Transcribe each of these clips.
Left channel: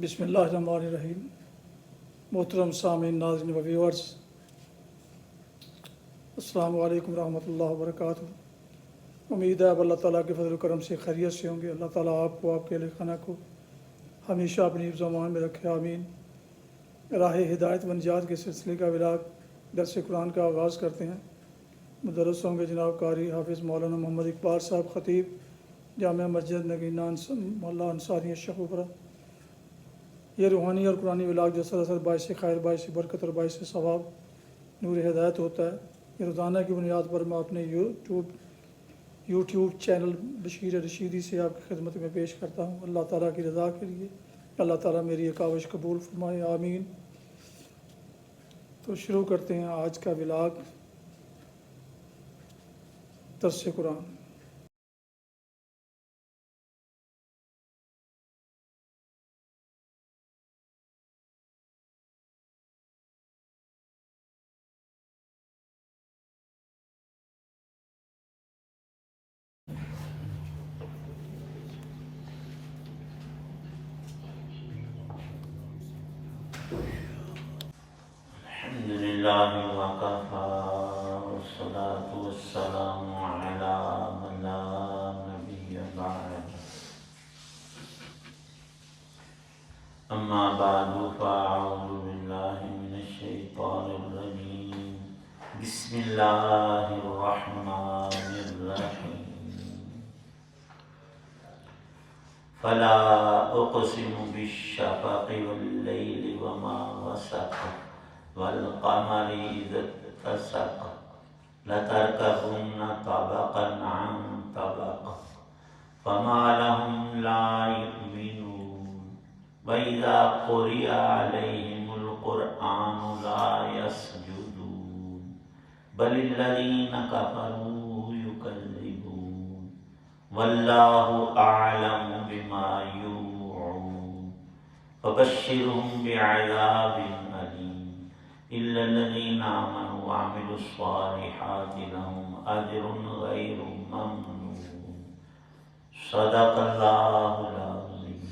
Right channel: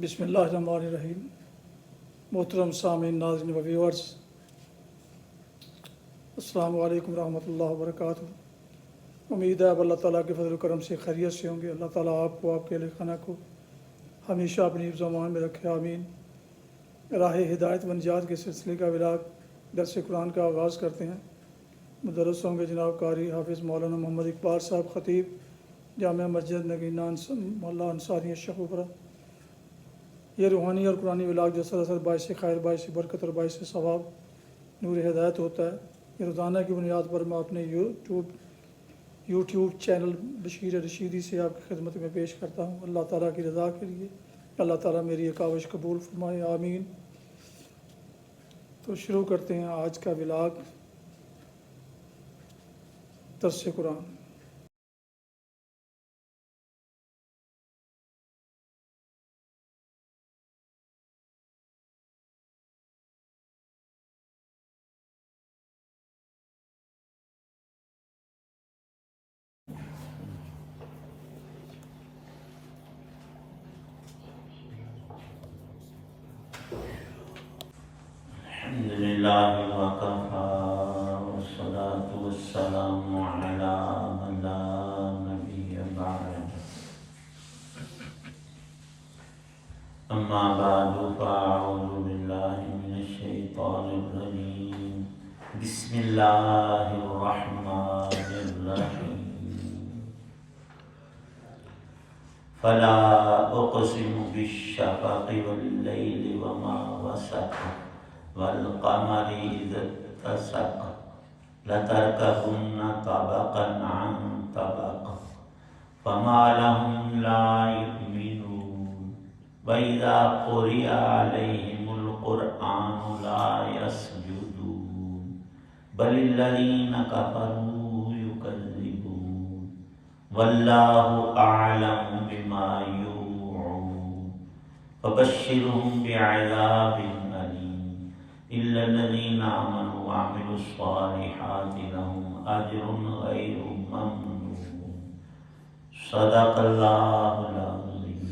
بسم اللہ الرحمن الرحیم۔ محترم سامعین، ناظرین و ویورز، السلام علیکم ورحمۃ اللہ وبرکاتہ۔ امید ہے اب اللہ تعالیٰ کے فضل و کرم سے خیریت سے ہوں گے۔ اللہ تعالیٰ آپ کو، آپ کے اہل خانہ کو ہمیشہ اپنی حفظ و امان میں رکھے، آمین۔ راہ ہدایت و نجات کے سلسلے کا ولاگ درس قرآن کا آغاز کرتے ہیں۔ مدرس ہوں گے جناب قاری حافظ مولانا محمد اقبال صاحب، خطیب جامعہ مسجد نگینہ محلہ انصاریہ شیخوپورہ۔ یہ روحانی اور قرآنی ولاگ جو سراسر باعث خیر، باعث برکت اور باعث ثواب نور ہدایت ہوتا ہے، یہ روزانہ کی بنیاد پر میں اپنے یوٹیوب چینل بشیر رشیدی سے آپ کی خدمت میں پیش کرتا ہوں، اللہ تعالیٰ کی رضا کے لیے۔ اللہ تعالیٰ میری یہ کاوش قبول فرمائے، آمین۔ تو شروع کرتے ہیں آج کا ولاگ درس قرآن۔ الحمد لله وكفى والصلاة والسلام على من لا نبي بعده أما بعد فأعوذ بالله من الشيطان الرجيم بسم الله الرحمن الرحيم فلا أقسم بالشفق والليل وما وسق والقمر إذا اتسق لتركبن طبقا عن طبق فما لهم لا يؤمنون وإذا قرئ عليهم القرآن لا يسجدون بل الذين كفروا يكذبون والله أعلم بما يوعون فبشرهم بعذاب إلا الذين آمنوا وعملوا الصالحات لهم أجر غير ممنون صدق الله العظيم۔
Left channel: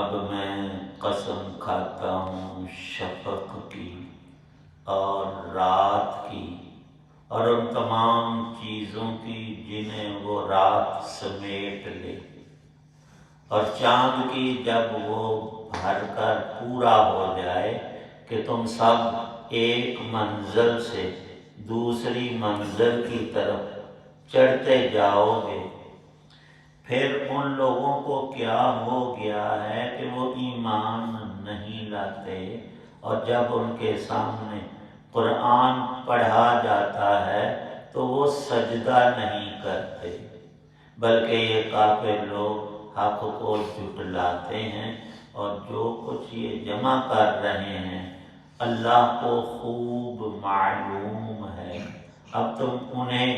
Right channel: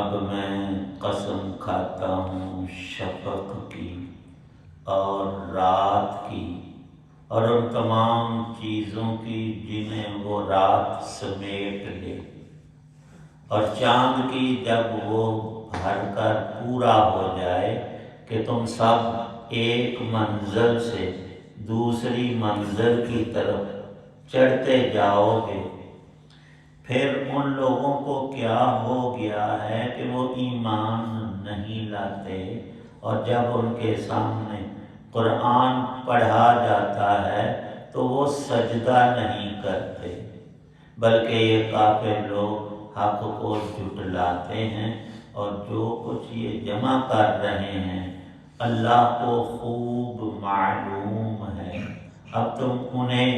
اب میں قسم کھاتا ہوں شفق کی اور رات کی اور ان تمام چیزوں کی جنہیں وہ رات سمیٹ لے، اور چاند کی جب وہ بھر کر پورا ہو جائے کہ تم سب ایک منزل سے دوسری منزل کی طرف چڑھتے جاؤ گے۔ پھر ان لوگوں کو کیا ہو گیا ہے کہ وہ ایمان نہیں لاتے، اور جب ان کے سامنے قرآن پڑھا جاتا ہے تو وہ سجدہ نہیں کرتے، بلکہ یہ کافر لوگ حق کو جھٹلاتے ہیں، اور جو کچھ یہ جمع کر رہے ہیں اللہ کو خوب معلوم ہے۔ اب تم انہیں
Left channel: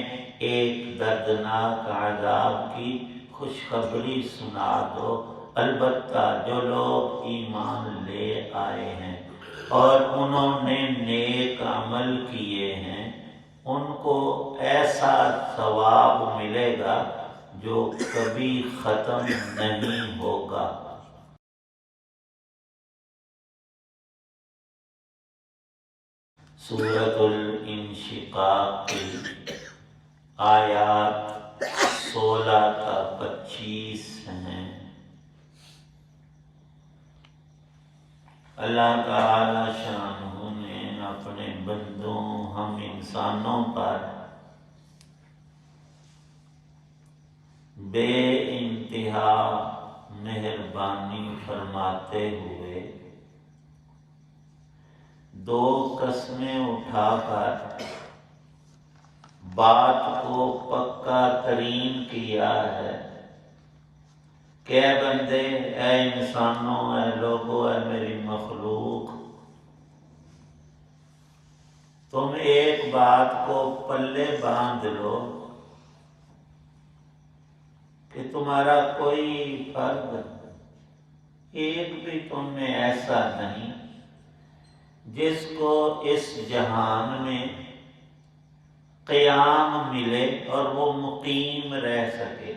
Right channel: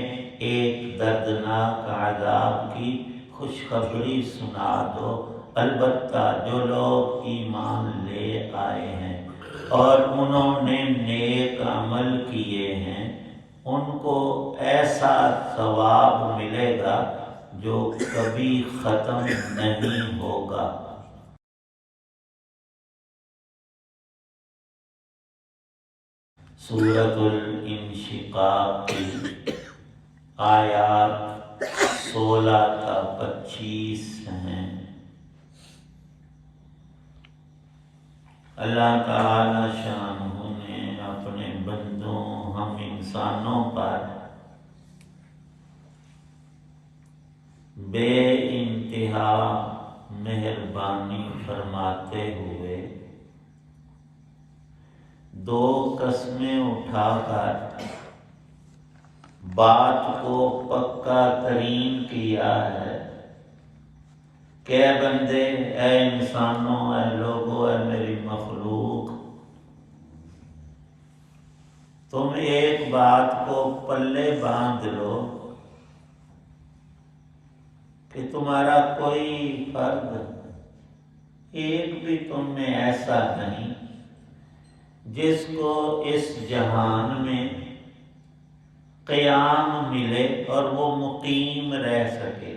ایک دردناک عذاب کی خوشخبری سنا دو، البتہ جو لوگ ایمان لے آئے ہیں اور انہوں نے نیک عمل کیے ہیں، ان کو ایسا ثواب ملے گا جو کبھی ختم نہیں ہوگا۔ سورۃ الانشقاق کی آیات 16 تا 25 ہیں۔ اللہ تعالی شانہ نے اپنے بندوں ہم انسانوں پر بے انتہا مہربانی فرماتے ہوئے دو قسمیں اٹھا کر بات کو پکا ترین کیا ہے کہ اے بندے، اے انسانوں، اے لوگوں، اے میری مخلوق، تم ایک بات کو پلے باندھ لو کہ تمہارا کوئی فرد ایک بھی تم میں ایسا نہیں جس کو اس جہان میں قیام ملے اور وہ مقیم رہ سکے۔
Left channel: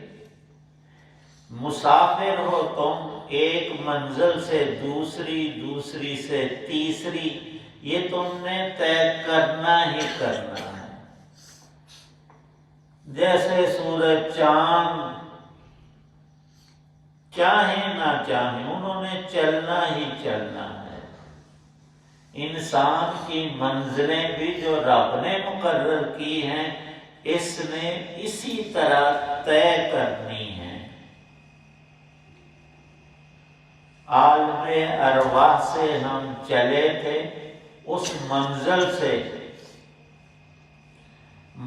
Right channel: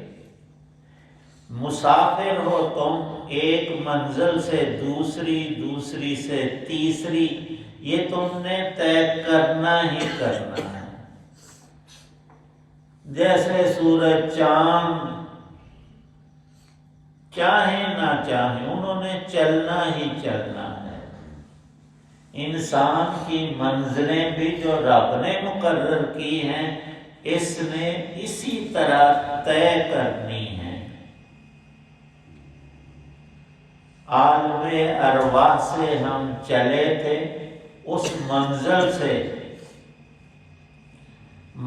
مسافر ہو تم، ایک منزل سے دوسری، دوسری سے تیسری، یہ تم نے طے کرنا ہی کرنا ہے۔ جیسے سورج چاند چاہیں نہ چاہیں انہوں نے چلنا ہی چلنا ہے۔ انسان کی منزلیں بھی جو رب نے مقرر کی ہیں، اس نے اسی طرح طے کرنی ہے۔ عالم ارواح سے ہم چلے تھے، اس منزل سے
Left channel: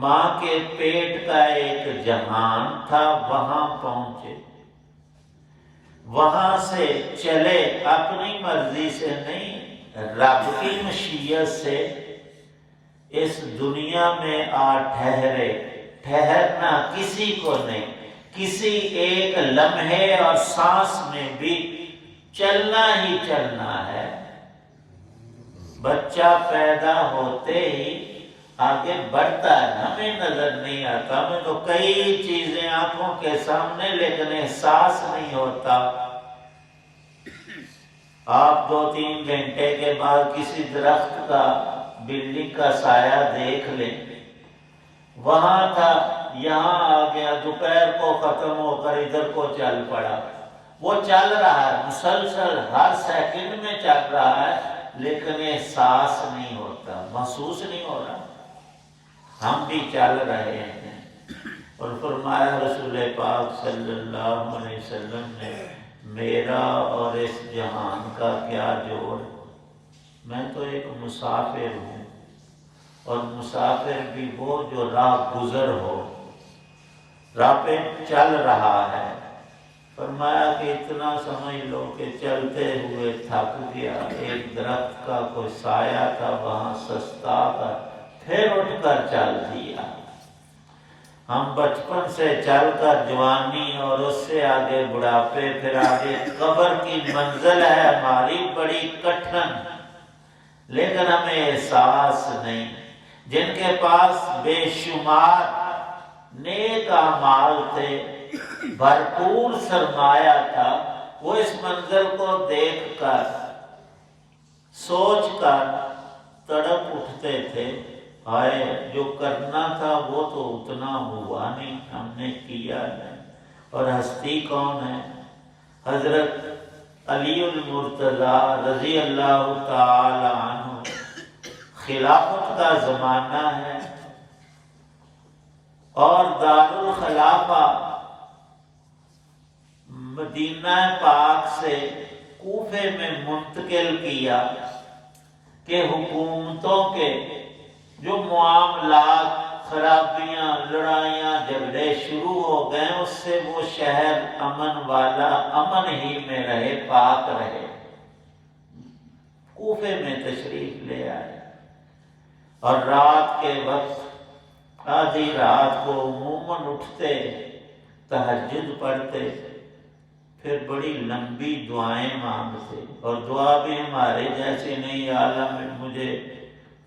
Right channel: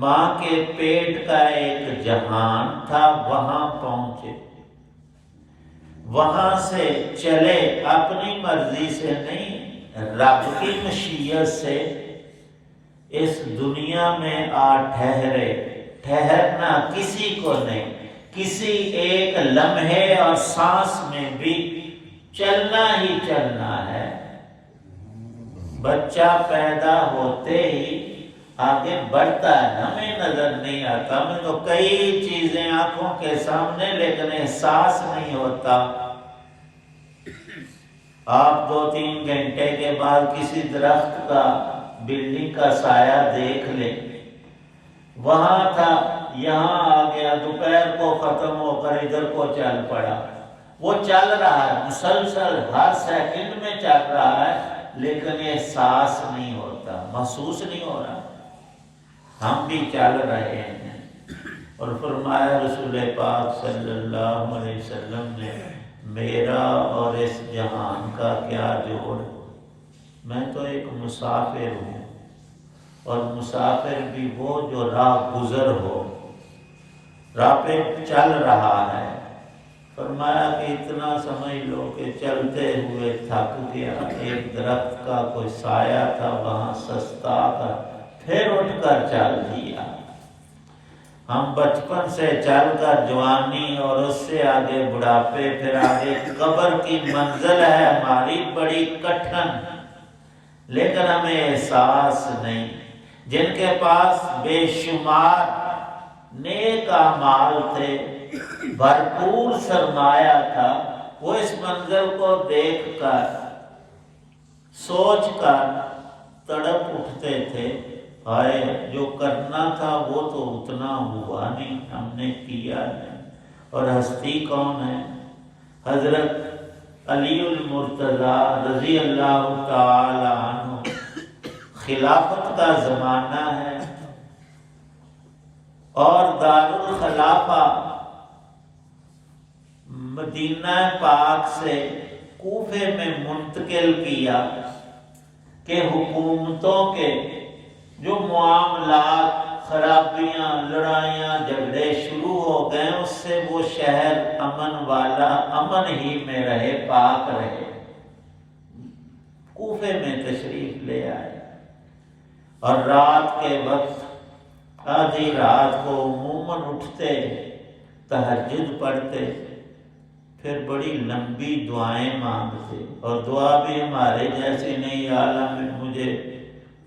ماں کے پیٹ کا ایک جہان تھا، وہاں پہنچے۔ وہاں سے چلے اپنی مرضی سے نہیں، رب کی مشیت سے اس دنیا میں آ ٹھہرے۔ ٹھہرنا کسی کو نہیں، کسی ایک لمحے اور سانس میں بھی چلنا ہی چلنا ہے۔ بچہ پیدا ہوتے ہی آگے بڑھتا ہے، ہمیں نظر نہیں آتا، ہمیں تو کئی چیزیں آنکھوں کے سامنے لیکن احساس نہیں ہوتا۔ آپ 2-3 گھنٹے کے بعد کسی درخت کا، بلڈنگ کا سایہ دیکھ لیں، وہاں تھا یہاں آ گیا، دوپہر کو ختم ہو کر ادھر کو چل پڑا۔ وہ چل رہا ہے مسلسل، ہر سیکنڈ میں چل رہا ہے، لیکن احساس نہیں ہوتا، محسوس نہیں ہو رہا۔ ہم بھی چل رہے ہیں۔ اور فرمایا رسول پاک صلی اللہ علیہ وسلم نے، میرا اور اس جہان کا کیا جوڑ، میں تو ایک مسافر ہوں، اور مسافر بھی وہ جو راہ گزر ہو، راہ پہ چل رہا ہے۔ فرمایا کہ اتنا سمجھ لو کہ چلتے ہوئے تھک گیا، ایک درخت کا کوئی سایہ تھا وہاں سستا کر پھر اٹھ کر چل دیا۔ ہم بچپن سے چل کر جوانی اور اس سے آگے بڑھاپے، پھر آگے قبر کی منزل ہے ہماری بڑی کٹھن، لیکن ہمیں احساس نہیں۔ جن کے پاس بے شمار نیک اعمال تھے، بھرپور سرمایہ تھا، وہ اس منزل کو دیکھ کر، سوچ کر تڑپ اٹھتے تھے، ہائے جو کرنا تھا وہ تو اتنا ہوا نہیں، ہم نے کیا نہیں۔ اور ہستی کون ہے؟ حضرت علی المرتضیٰ رضی اللہ تعالی عنہ۔ خلافت کا زمانہ ہے اور دارالخلافہ مدینہ پاک سے کوفے میں منتقل کیا کہ حکومتوں کے جو معاملات، خرابیاں، لڑائیاں، جھگڑے شروع ہو گئے، اس سے وہ شہر امن والا، امن ہی میں رہے، پاک رہے۔ کوفے میں تشریف لے آئے، اور رات کے وقت آدھی رات کو عموماً اٹھتے، تہجد پڑھتے، پھر بڑی لمبی دعائیں مانگتے، اور دعا بھی ہمارے جیسی نہیں، عالم مجھے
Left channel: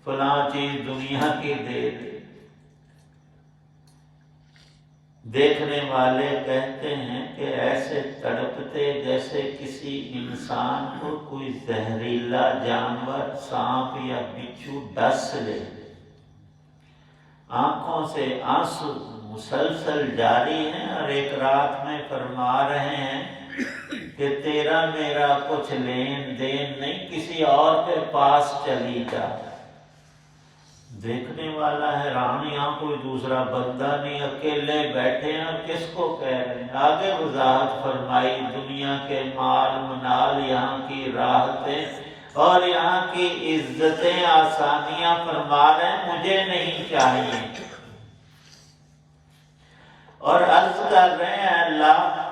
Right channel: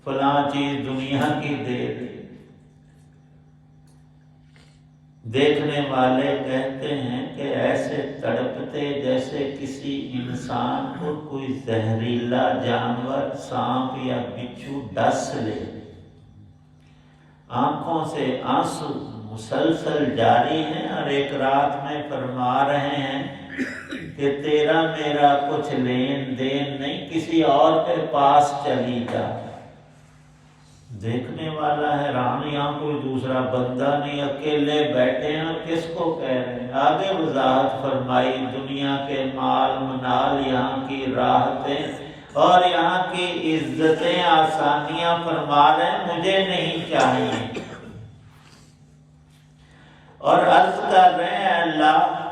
فلاں چیز دنیا کی دے دے۔ دیکھنے والے کہتے ہیں کہ ایسے تڑپتے جیسے کسی انسان کو کوئی زہریلا جانور، سانپ یا بچھو ڈس لے۔ آنکھوں سے آنسو مسلسل جاری ہیں، اور ایک رات میں فرما رہے ہیں کہ تیرا میرا کچھ لین دین نہیں، کسی اور کے پاس چلی جا۔ دیکھنے والا حیران، یہاں کوئی دوسرا بندہ نہیں، اکیلے بیٹھے ہیں، اور کس کو کہہ رہے ہیں؟ آگے وضاحت فرمائی، دنیا کے مال منال، یہاں کی راحتیں اور یہاں کی عزتیں، آسانیاں، فرما رہے ہیں مجھے نہیں چاہیے، اور عرض کر رہے ہیں اللہ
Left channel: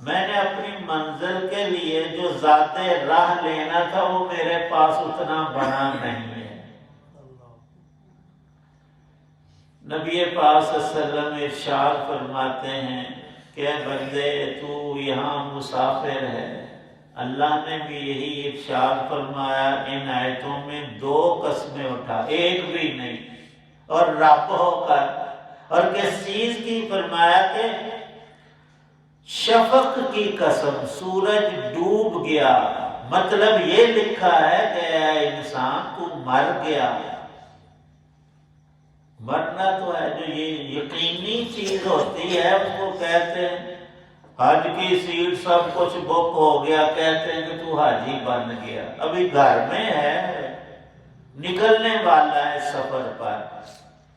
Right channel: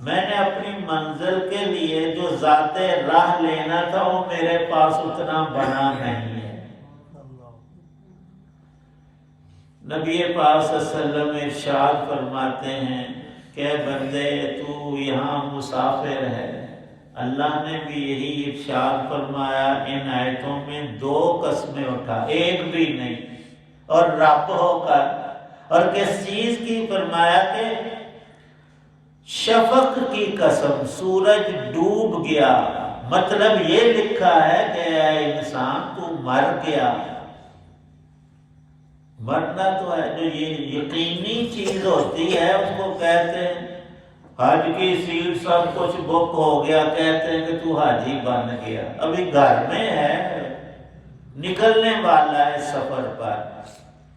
میں نے اپنی منزل کے لیے جو ذات راہ لینا تھا وہ میرے پاس اتنا بنا نہیں ہے۔ نبی پاک صلی اللہ علیہ وسلم ارشاد فرماتے ہیں کہ بندے تو یہاں مسافر ہے، اللہ نے بھی یہی ارشاد فرمایا، ان آیتوں میں 2 قسمیں اٹھا، ایک بھی نہیں، اور رب ہو کر، اور کس چیز کی فرمایا کہ شفق کی قسم، سورج ڈوب گیا، مطلب یہ لکھا ہے کہ اے انسان تو مر گیا۔ مرنا تو ہے، جو یہ یقینی چیز ہوتی ہے اس کو کہتے ہیں، حج کی سیٹ سب کچھ بک ہو گیا، کہتے ہیں کہ تو حاجی بن گیا، ابھی گھر میں ہے، نکلنے والا ہے سفر پر۔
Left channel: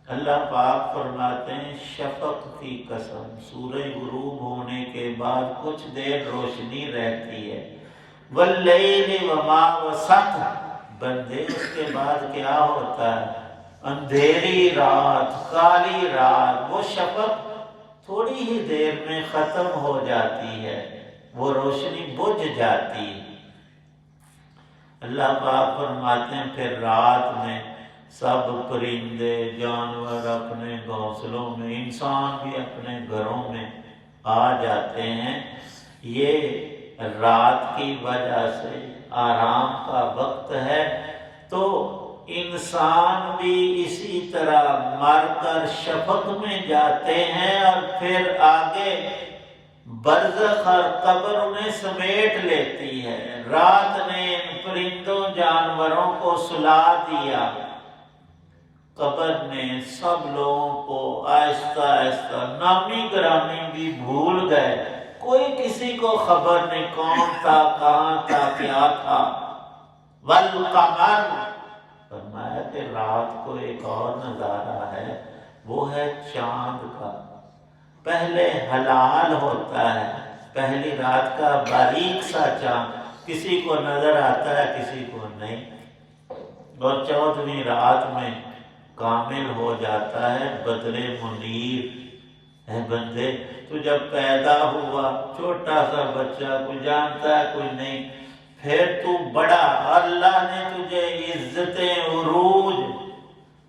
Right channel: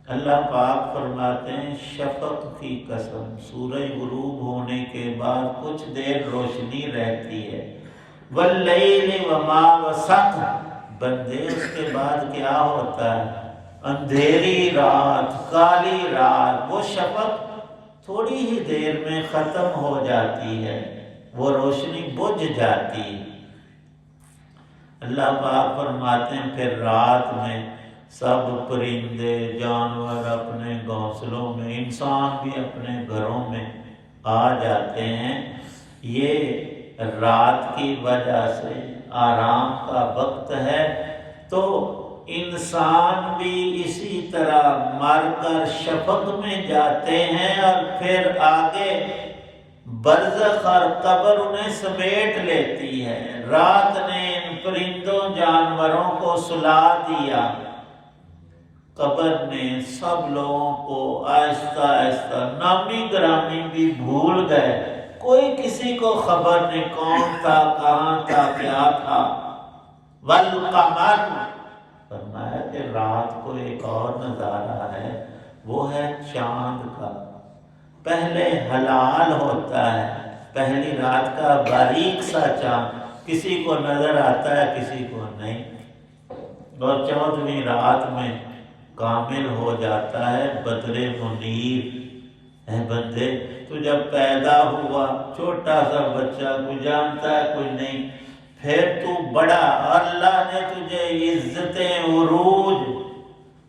اللہ پاک فرماتے ہیں شفق کی قسم، سورج غروب ہونے کے بعد کچھ دیر روشنی رہتی ہے، واللیل وما وسق، بندے اس کے بعد کیا ہوتا ہے؟ اندھیری رات، کالی رات، وہ شفق تھوڑی ہی دیر میں ختم ہو جاتی ہے، وہ روشنی بجھ جاتی ہے۔ اللہ پاک فرماتے ہیں پھر رات میں سب پرندے جانور اپنے گھونسلوں میں، انسان بھی اپنے گھروں میں آ جاتے ہیں۔ یہ رات کی وجہ سے آرام کا وقت ہے، تو انسان بھی اسی طرح مر کر شفق میں جاتے ہیں، اور پھر آگے برزخ اور قبر انہیں سمیٹ لیتی ہے۔ رات نے ان پرندوں جانوروں کو سلا دیا، قبر نے سب لوگوں کو آہستہ آہستہ، نامی گرامی بھی بھول گئے، کوئی کسی کو خبر نہیں کون تھا، کہاں تھا، کیا تھا۔ والقمر، فرمایا کہ رات کو ایک اور نظارہ ہے، وہ ہے چاند کا۔ پہلے ہلال ہوتا ہے، پہلی رات کا باریک سا چاند، کسی کو نظر آتا ہے کسی کو نہیں، اور 14ویں رات میں کامل ہو جاتا ہے بدر منیر۔ اے بندے، تو جب پیدا ہوا چھوٹا سا بچہ، کوئی جانتا ہے کوئی نہیں، پھر تو بڑا، اللہ نے تجھے عزتیں، عروج،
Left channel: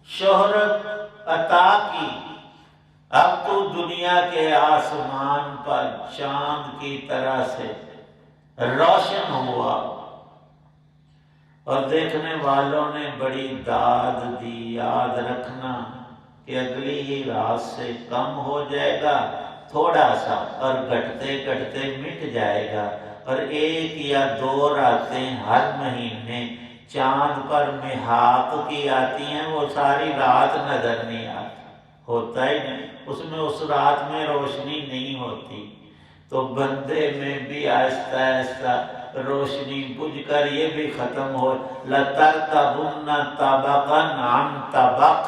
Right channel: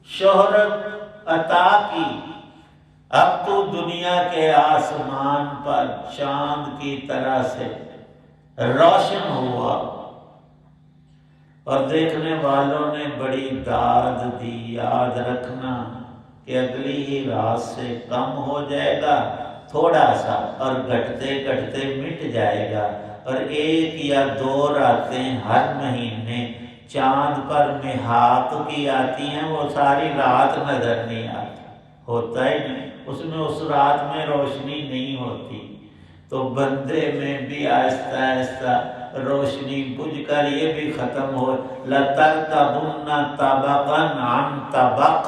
شہرت عطا کی، اب تو دنیا کے آسمان پر چاند کی طرح سے روشن ہوا، اور دیکھنے والوں نے بڑی داد دی۔ یاد رکھنا کہ اگلی ہی رات سے کم ہو جائے گا تھوڑا سا، اور گھٹتے گھٹتے مٹ جائے گا، اور 1 یا 2 راتیں ہر مہینے چاند پر محاق کی آتی ہیں، وہ ساری رات نظر نہیں آتی، ہوتا ہی نہیں، اس میں اس رات میں روشنی نہیں ہوتی۔ تو بندے میں بھی آہستہ آہستہ روشنی بجھ کر یہ بھی ختم ہو۔ لَتَرْكَبُنَّ طَبَقًا عَنْ طَبَقٍ،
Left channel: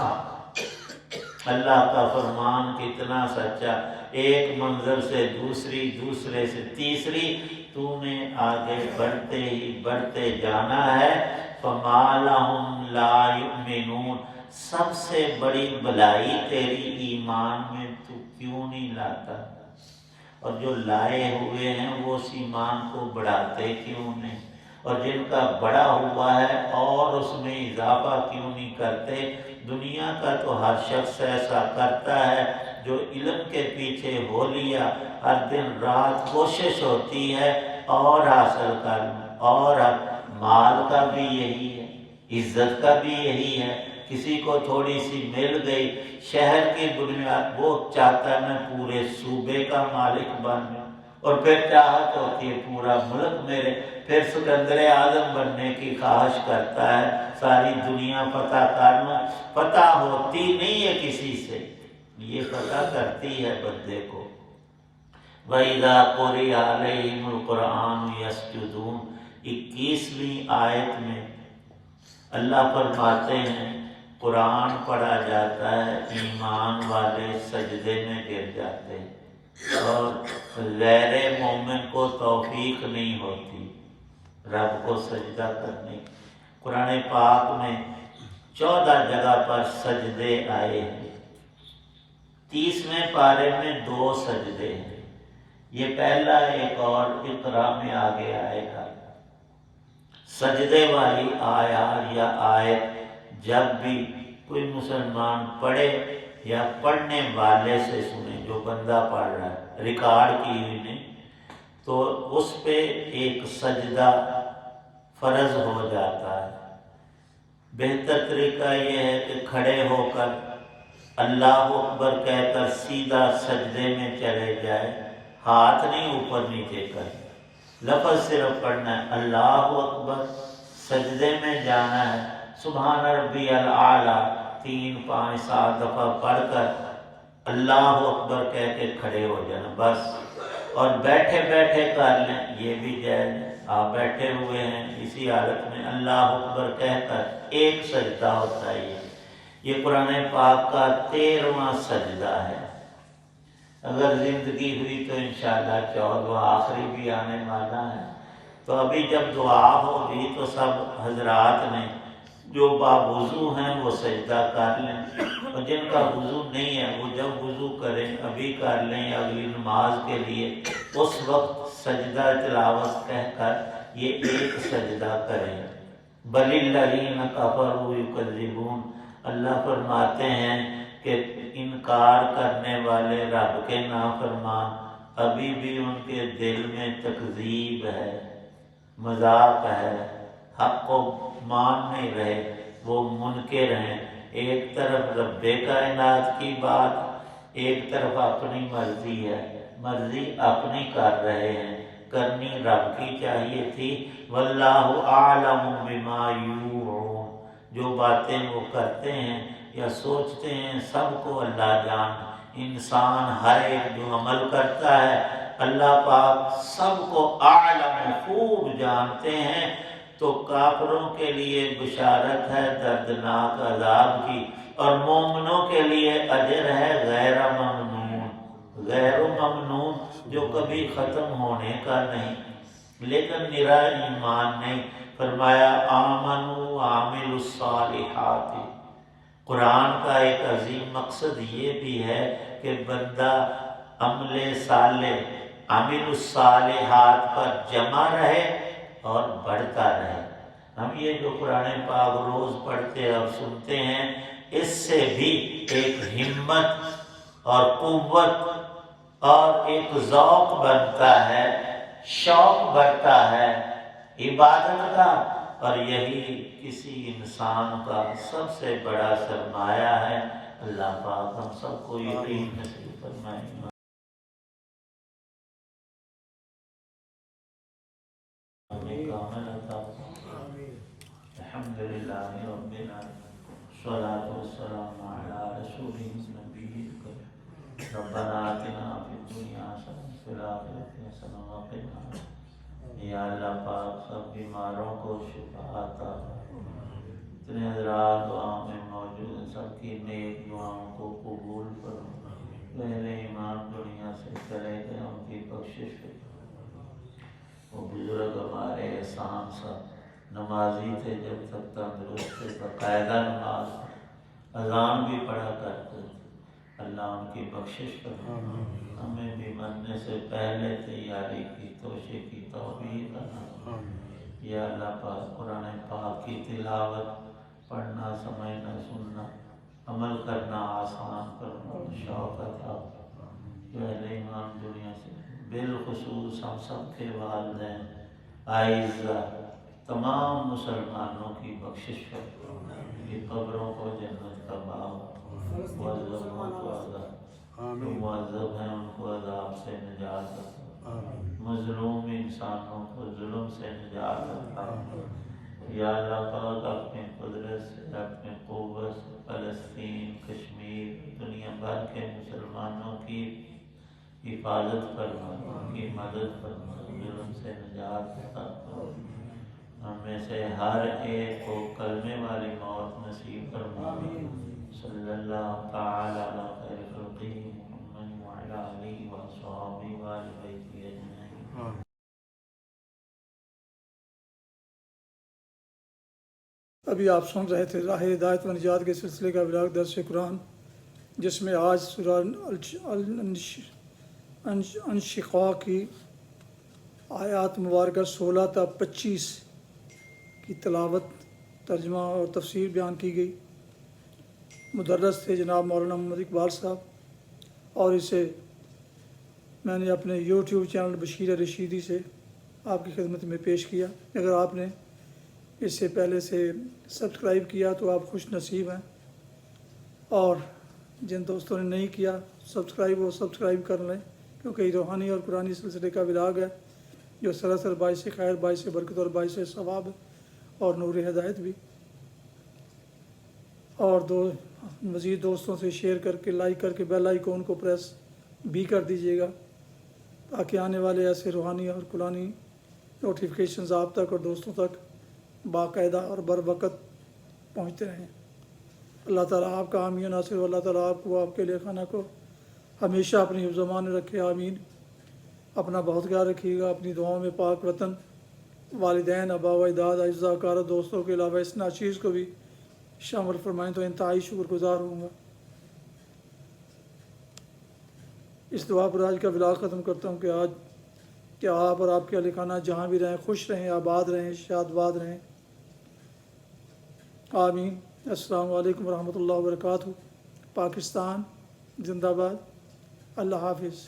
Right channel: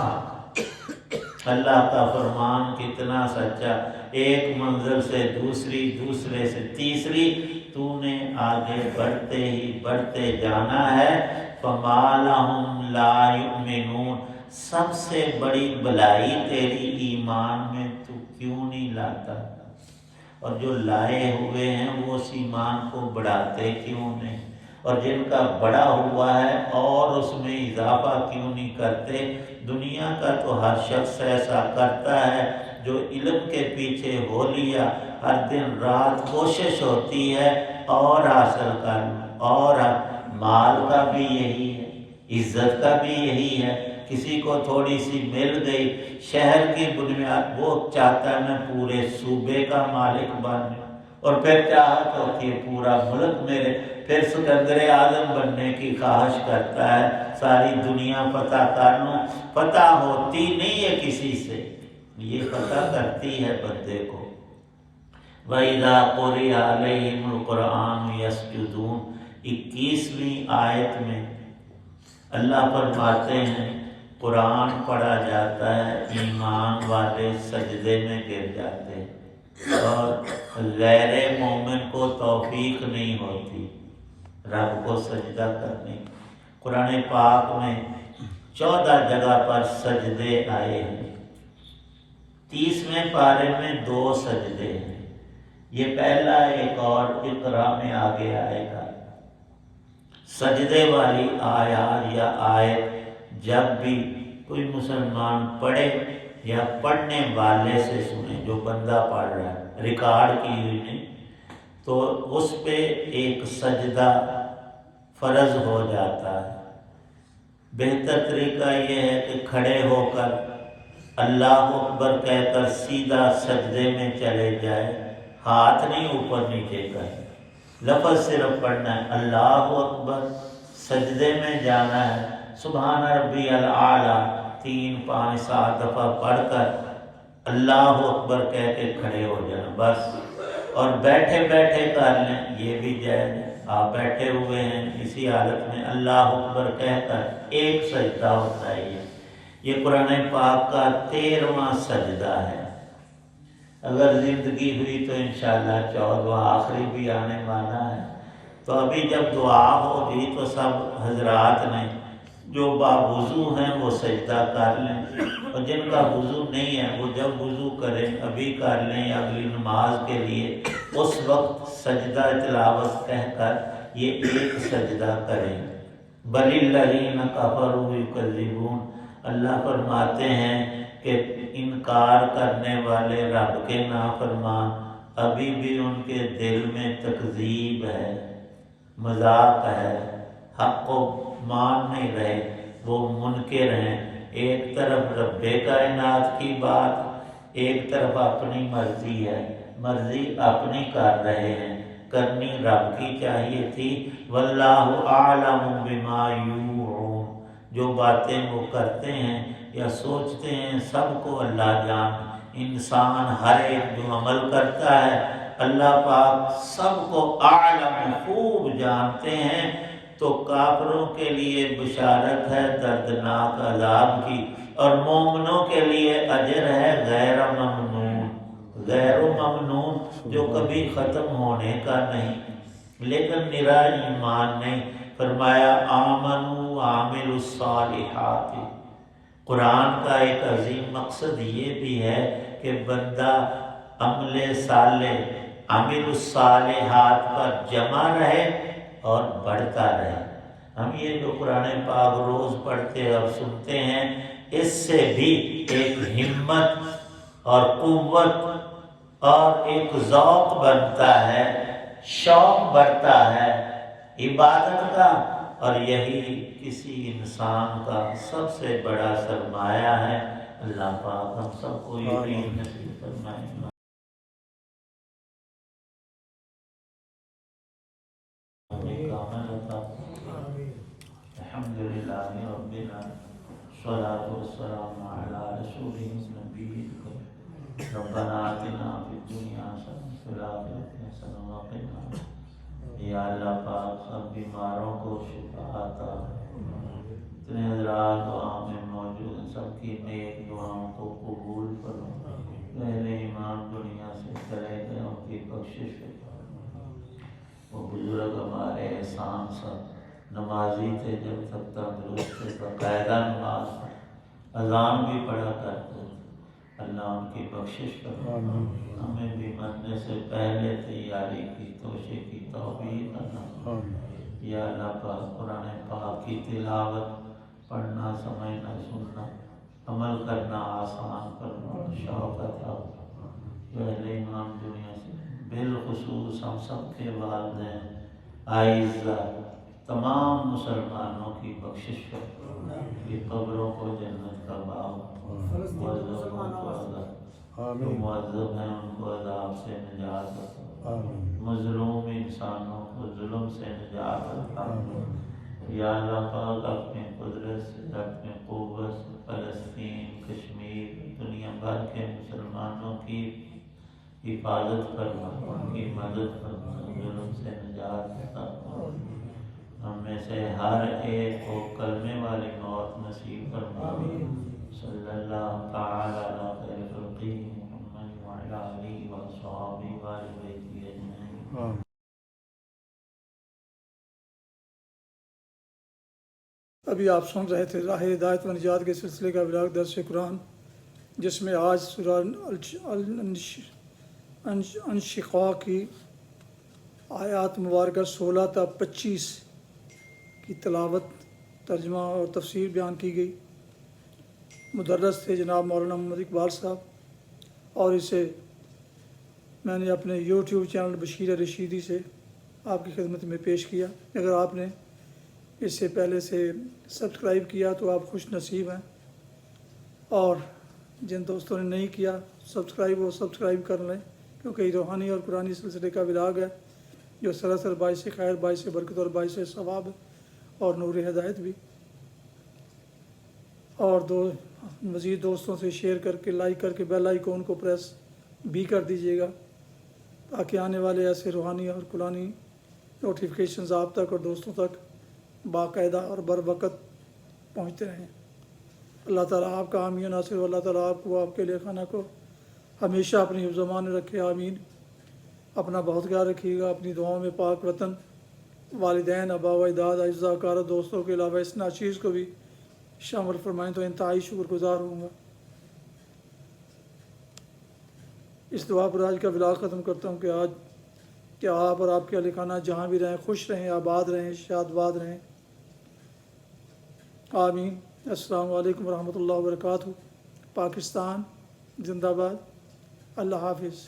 اللہ کا فرمان کتنا سچا، ایک منزل سے دوسری، دوسرے سے تیسری، تو نے آگے بڑھتے ہی بڑھتے جانا ہے۔ فَمَا لَهُمْ لَا يُؤْمِنُونَ، سب سے بڑی بلائی تیری ایمان میں تو کیوں نہیں لاتا، اور جو لائے ہوئے ہیں وہ اس ایمان کو بڑھاتے کیوں نہیں، اور جن کا بڑا ہوا ہے اور اس میں اضافہ کیوں نہیں کرتے۔ دنیا کا تو ہر شخص ایسا کرتا ہے جو علم کے پیچھے ہو لیا، ہر دن رات کوشش ہوتی ہے اور حاصل کر، اور مال کا بھی یہی ہے، عزت کا بھی یہی ہے، کسی کو تھوڑی سی مل گئی شہر کی بنیاد، وہ چاہتا ہے میں پورے صوبے کا مالک بن جاؤں، اور پھر چاہت ہوتی ہے پورا ملک میرے، پھر سکندر اعظم بننے کی خواہش کرتا ہے، ساری دنیا فتح کر لوں۔ فتح ہوتی نہیں ہے کسی سے، یہ فتح کرتی ہے بندے کو۔ وَإِذَا قُرِئَ عَلَيْهِمُ الْقُرْآنُ يَسْجُدُونَ، 21ویں آیت میں اللہ فرماتے ہیں قرآن پڑھا جاتا ہے، ایمان والے سجدے میں گر جاتے ہیں، اور غیر مومن کو توفیق نہیں ہوتی رب کو سجدہ کرنے۔ قرآن پاک میں 14 جگہ پر سجدے آئے ہیں، 30ویں پارے میں 2 سجدے ہیں، یہ پہلا ایک اور اقرا میں آگے آئے گا۔ سجدے والی آیات یا آیت جب بھی کوئی مسلمان پڑھے یا پڑھنے والے سے سنے، جو بندہ پڑھ رہا ہے، ریکارڈ کی ہوئی نہیں، تو اس پہ ایک سجدہ فرض ہو جاتا ہے۔ بہتر طریقہ یہ ہے کہ کھڑے ہو کر اللہ اکبر کہہ کر سیدھا سجدے میں چلے جائے، ہاتھ نہیں اوپر نیچے کر، لفظ صرف پڑھنا ہے اللہ اکبر، سجدے میں جانا ہے، سبحان ربی الاعلیٰ 3 5 7 دفعہ پڑھ کر اللہ اکبر کہہ کے کھڑے ہو جانا بس۔ اور بیٹھے بیٹھے کر لیں، یہ بھی جائز ہے، آپ بیٹھے ہوئے ہیں اسی حالت میں اللہ اکبر کہہ کر ایک سجدہ ہوتا ہے۔ یہ قرآن پاک کا 13واں سجدہ ہے۔ اگر زندگی ہوئی تو انشاءاللہ 14واں آخری بھی آنے والا ہے۔ تو ابھی جب دعا ہوگی تو سب حضرات نے جو باوضو ہیں وہ سجدہ کر لیں، اور جن کا وضو نہیں ہے وہ جب وضو کریں، ابھی کر لیں اگلی نماز کے لیے، اس وقت سجدہ تلاوت کہہ کر یہ ایک سجدہ کریں۔ بل الذین کفروا یکذبون، اللہ فرماتے ہیں کہ انکار کرنے والے رب کے نافرمان ابھی بھی ان کے دل میں تکذیب ہے، مذاق ہے، حق کو مان نہیں رہے، وہ منکر ہیں۔ ایک طرف رب کائنات کی بات، ایک طرف اپنی مرضی ہے، مرضی اپنی کر رہے ہیں، کرنی رب کی چاہیے تھی۔ واللہ اعلم بما یوعون، جو باتیں وہ کرتے ہیں یا سوچتے ہیں سب کو اللہ جان، انسان ہر ایک جو عمل کرتا ہے اللہ پاک سب کو اعلم خوب جانتے ہیں۔ تو کافروں کے لیے بشارت ہے دردناک عذاب کی، اور مومنوں کے لیے اجر ہے غیر ممنون، غیر ممنون جو کبھی ختم ہونے کا نہیں، لیکن نرا ایمان نے فرمایا آمنوا وعملوا الصالحات۔ قرآن کا ایک عظیم مقصد یہ بھی ہے کہ بندہ عمل صالح، عمل الصالحات پر جمع رہے اور بڑھتا رہے۔ ہم یہ جو قرآن پاک روز پڑھتے اور سنتے ہیں، اس سے بھی ایک ہمت اور قوت اور ایک ذوق بنتا ہے، شوق بڑھتا ہے عبادت کا، اور یہی کسی انسان کا سب سے بڑا سرمایہ ہے۔ اللہ پاک ہم سب کو یقین نصیب فرمائے۔ الحمد للہ رب العالمین، والصلاة والسلام علی رسولہ النبی الکریم، ربنا آتنا فی الدنیا حسنۃ وفی الآخرۃ حسنۃ وقنا عذاب النار۔ یا اللہ پاک سب بیماروں کو شفا عطا، اتنے حضرات دعا میں موجود ہیں سب کی نیک دعاؤں کو قبول فرما۔ اہل ایمان دنیا سے چلے گئے ان کی بخشش فرما۔ وہ بزرگ ہمارے احسان سب نمازی تھے، جب تک تندرست تھے باقاعدہ نماز اذان بھی پڑھا کرتے تھے، اللہ ان کی بخشش فرما۔ ہمیں بھی مرنے سے پہلے تیاری کی توشے کی توفیق عطا۔ یا اللہ پاک قرآن پاک کی تلاوت پڑھنا، سمجھنا، سننا، عمل کرنا آسان فرما، شوق عطا۔ اہل ایمان دنیا سے بالخصوص ہم سب کے والدین اعزہ تمام مسلمانوں کی بخشش فرما، یہ قبروں کو جنت کا باغ، معذبوں کو عذاب، جو معذب ہیں ان کو عذاب سے نجات عطا، مظلوم انسانوں کو ظلم سے نجات عطا۔ یا اللہ پاک اپنی قدرت سے، اپنی قوت سے فلسطین، کشمیر، دنیا بھر کے مسلمانوں کی حفاظت فرما، ان کی مدد فرما، ظلم سے نجات عطا فرما۔ ہم میں سے ہر ایک کو کلمے والی موت نصیب فرما۔ صلی اللہ تعالی علی خیر خلقہ محمد وعلی آلہ وصحبہ وآل بیتہ اجمعین۔ ابھی آپ سن رہے تھے راہ ہدایت و نجات کے سلسلے کا ولاغ درس قرآن، جس میں آج سورہ انشقاق کی آیات مبارکہ 16 تا 25 کی تلاوت، ترجمہ اور تفسیر بیان کی گئی۔ مدرس تھے جناب مولانا محمد اقبال صاحب، اور اسے میں نے اپنے یوٹیوب چینل بشیر رشیدی سے آپ کی خدمت میں پیش کیا۔ اگر آپ نے اس سے پہلے سے سبسکرائب کیا تو آپ خوش نصیب ہیں، اور جن دوستوں نے نہیں کیا سبسکرائب، وہ سبسکرائب کر لیں، کیونکہ یہ روحانی اور قرآنی سلسلے کا ولاگ ہے جو سراسر باعث خیر، باعث برکت اور باعث ثواب اور نور ہدایت بھی۔ اور مزید دوستوں سے شیئر کر کے، لائک کر کے بیل آئیکن کو پریس بھی کر دیجیے گا، تاکہ آنے والے ایسے روحانی اور قرآنی نوٹیفیکیشنز آپ تک اور دوستوں تک باقاعدہ اور بر وقت پہنچتے رہیں۔ اللہ تعالیٰ آپ کا حامی و ناصر، اللہ تعالیٰ آپ کو، آپ کے لے خانہ کو ہمیشہ اپنی حفظ و امان میں رکھے، آمین۔ اپنا بہت خیال رکھیے گا، اپنی دعاؤں میں پاک وطن، والدین، آبا و اجداد، اعزاء اقارب، دوستوں کے علاوہ اس ناچیز کو بھی شامل فرمائیں تو انتہائی شکر گزار ہوں گا۔ اس دعا پر آج کا ولاگ ختم کرتا ہوں کہ آپ اور آپ کے اہل خانہ جہاں بھی رہیں خوش رہیں، آباد رہیں، شاد باد رہیں، آمین۔ السلام علیکم ورحمۃ اللہ وبرکاتہ۔ پاکستان زندہ باد۔ اللہ حافظ۔